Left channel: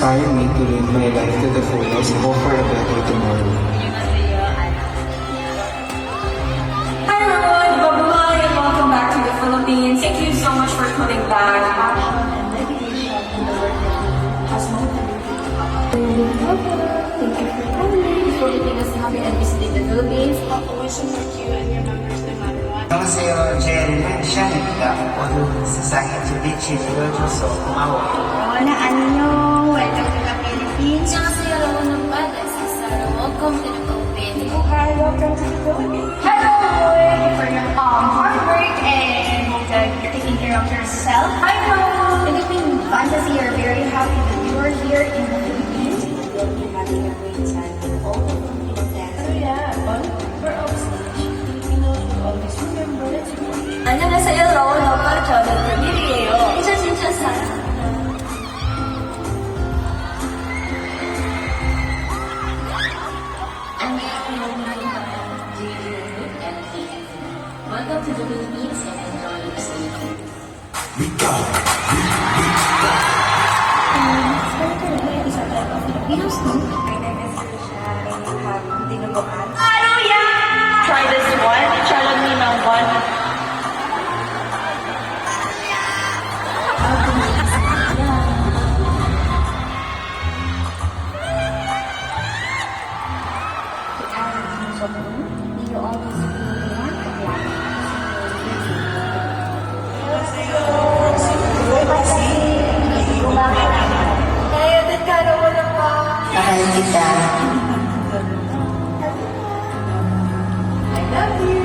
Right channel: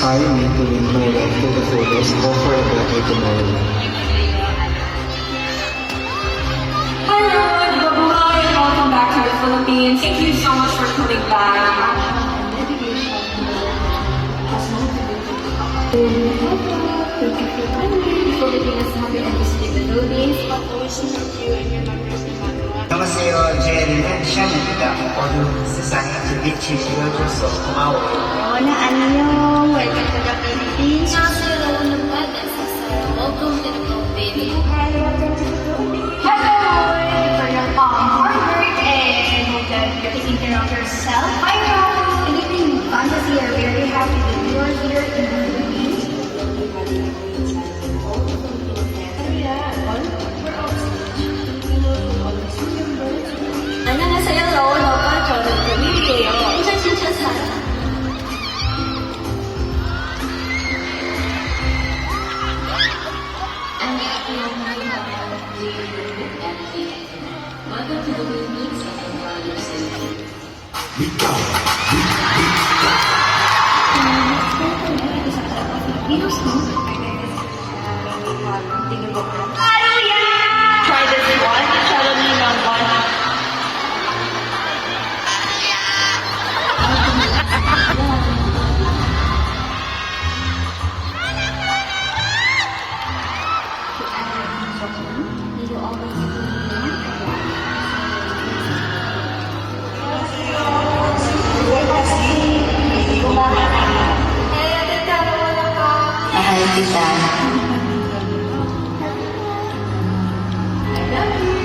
inspire me to live my life to the fullest, hope for a better tomorrow. Hi everyone, Babuhay and welcome back to the Philippines. Thank you so much for coming back. Passion and dedication to the work has motivated me. Thank you for coming. For making us happy and visiting the Philippines. We support you and your members no matter what. 안녕하세요. 젠션입니다. 모두 세상에 빛이 되어줘서 고마워요. Hola, annyeong! Welcome to the Philippines. 안녕하세요, 여러분. This is Sarah. Welcome to the Philippines. Hi, welcome to the Philippines. Hello, thank you for your hard work and I hope that you're taking care of yourself. I know Philippine Fantasy are very happy that you are here in the Philippines. We'll be having a great time with all the Filipino fans. Oh yeah, but we're all you know, always remember to watch. 안녕하세요, 러운 오빠 저는 금일이에요. 진짜 사랑. Welcome to the Philippines and enjoy your stay. Try this one. Challenge ng one. May you always be warm and Hey, atin ka na wala pa. Mahal kita. I love you.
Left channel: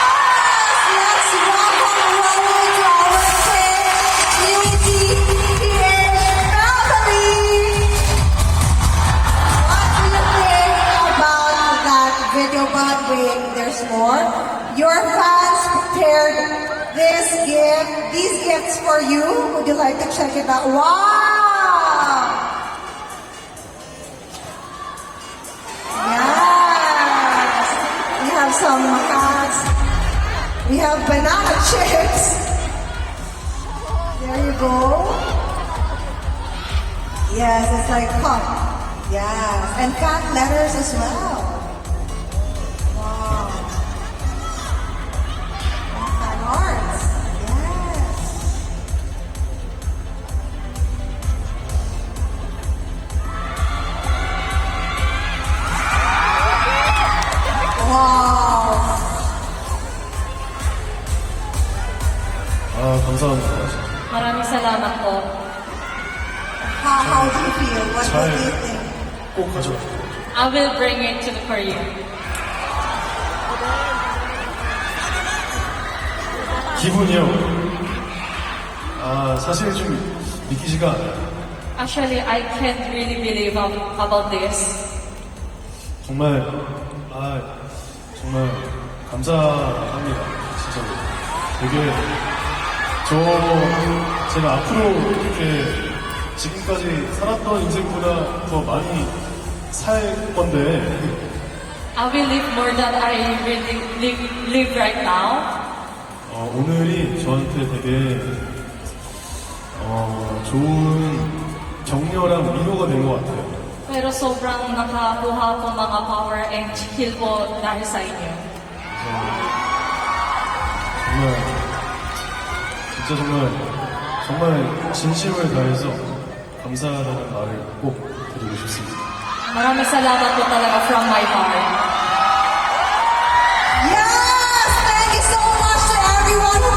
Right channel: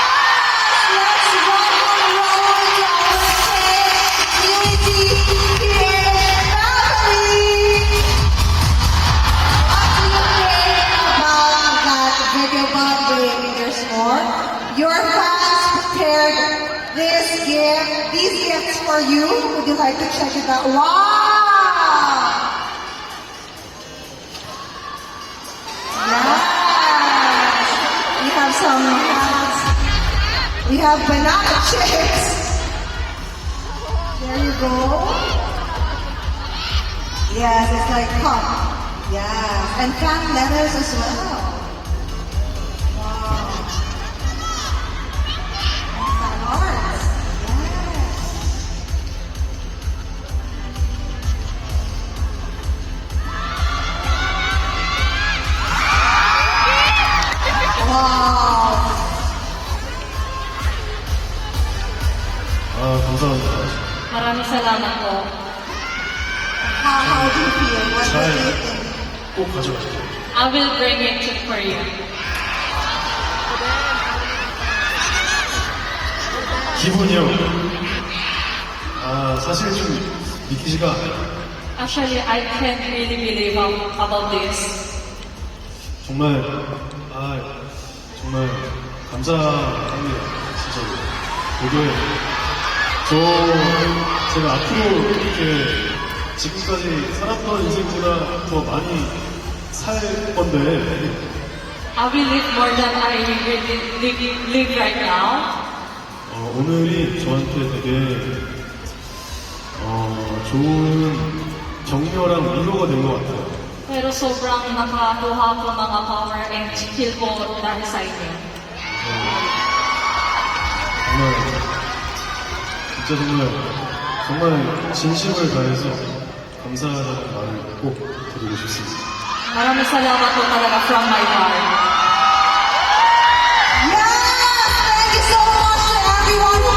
let's welcome Raul to our stage. Unity here family. What do you think about that video bonding? There's more. Your fans prepared these gifts for you. Would you like to check it out? Wow! Yes. We have some hats. We have banana chips. There you go. Yes, it's like cup. Yes, and fan letters as well. Wow. And fan arts. Yes. Wow. 감사합니다. Maraming salamat po. How do you feel? What do 잘 you think? 꼭 가져가시죠. I will bring it to Korea. 기분이요. 사실 좀 믿기지가 않아요. Actually, I can't really believe about this. 정말, 정말 감사합니다. 진짜로. 되게, 제가 앞으로 이렇게 지금까지 살았던 인생보다 더 많이 살 건데, I will live more than I really live right now. 오늘이 저한테 되게, 좋은 격려랑 위로가 된 것 같아요. Pero sobrang nakakuha po mga power and skill po dahil sa inyo. 정말 진짜 정말 진심을 다해서 감사하다는 말을 꼭 드리고 싶습니다. Maraming salamat po talaga from my heart. Yes! Thank you so much to everyone who